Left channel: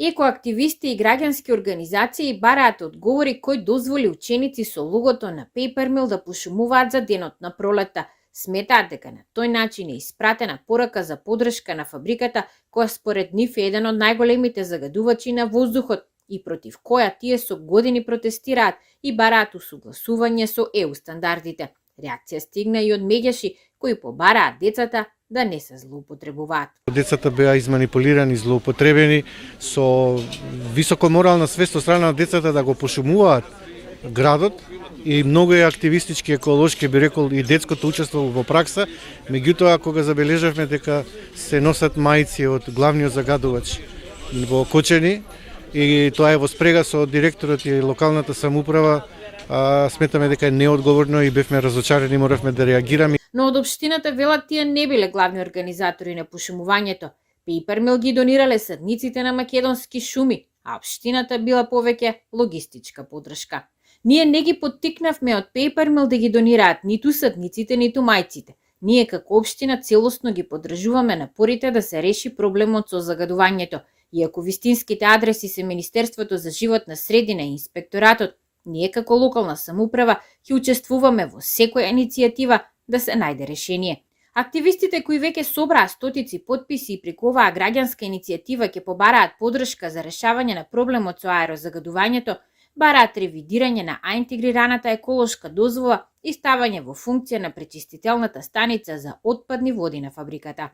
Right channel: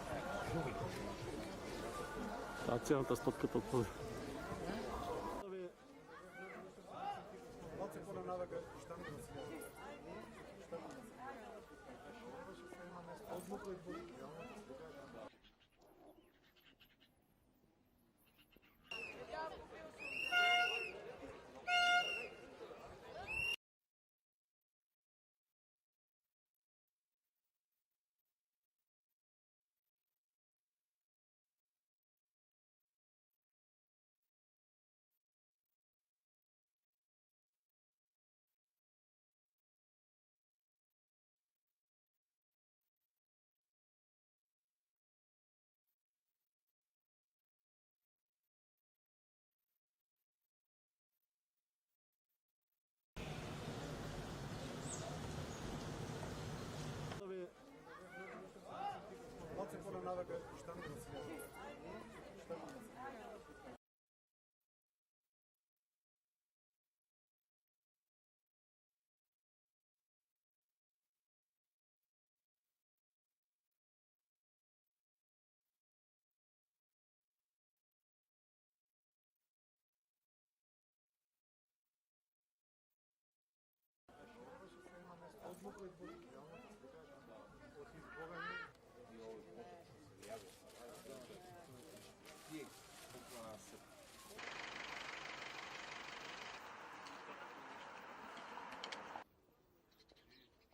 Екоактивисти и граѓански организации бараат одговори кој дозволи ученици со логото на Papermill да пошумуваат за денот на пролетта. Сметаат дека на тој начин е испратена порака за подршка на фабриката, која според нив е еден од најголемите загадувачи на воздухот и против која тие со години протестираат и бараат усогласување со ЕУ стандардите. Реакција стигна и од меѓаши кои побараат децата да не се злоупотребуваат. Децата беа изманипулирани, злоупотребени со високо морална свест од страна на децата да го пошумуваат градот и многу е активистички, еколошки, би рекол, и детското учество во пракса, меѓутоа кога забележавме дека се носат мајци од главниот загадувач во Кочани и тоа е во спрега со директорот и локалната самоуправа, сметаме дека е неодговорно и бевме разочарени, моравме да реагираме. Но од општината велат тие не биле главни организатори на пошумувањето. Papermill ги донирале садниците на македонски шуми, а општината била повеќе логистичка подршка. Ние не ги поттикнавме од Papermill да ги донираат ниту садниците, ниту мајците. Ние како општина целосно ги поддржуваме напорите да се реши проблемот со загадувањето. Иако вистинските адреси се Министерството за животна средина и Инспекторатот, ние како локална самоуправа ќе учествуваме во секоја иницијатива да се најде решение. Активистите кои веќе собраа стотици потписи и преку оваа граѓанска иницијатива ќе побараат подршка за решавање на проблемот со аерозагадувањето, бараат ревидирање на интегрираната еколошка дозвола и ставање во функција на пречистителната станица за отпадни води на фабриката.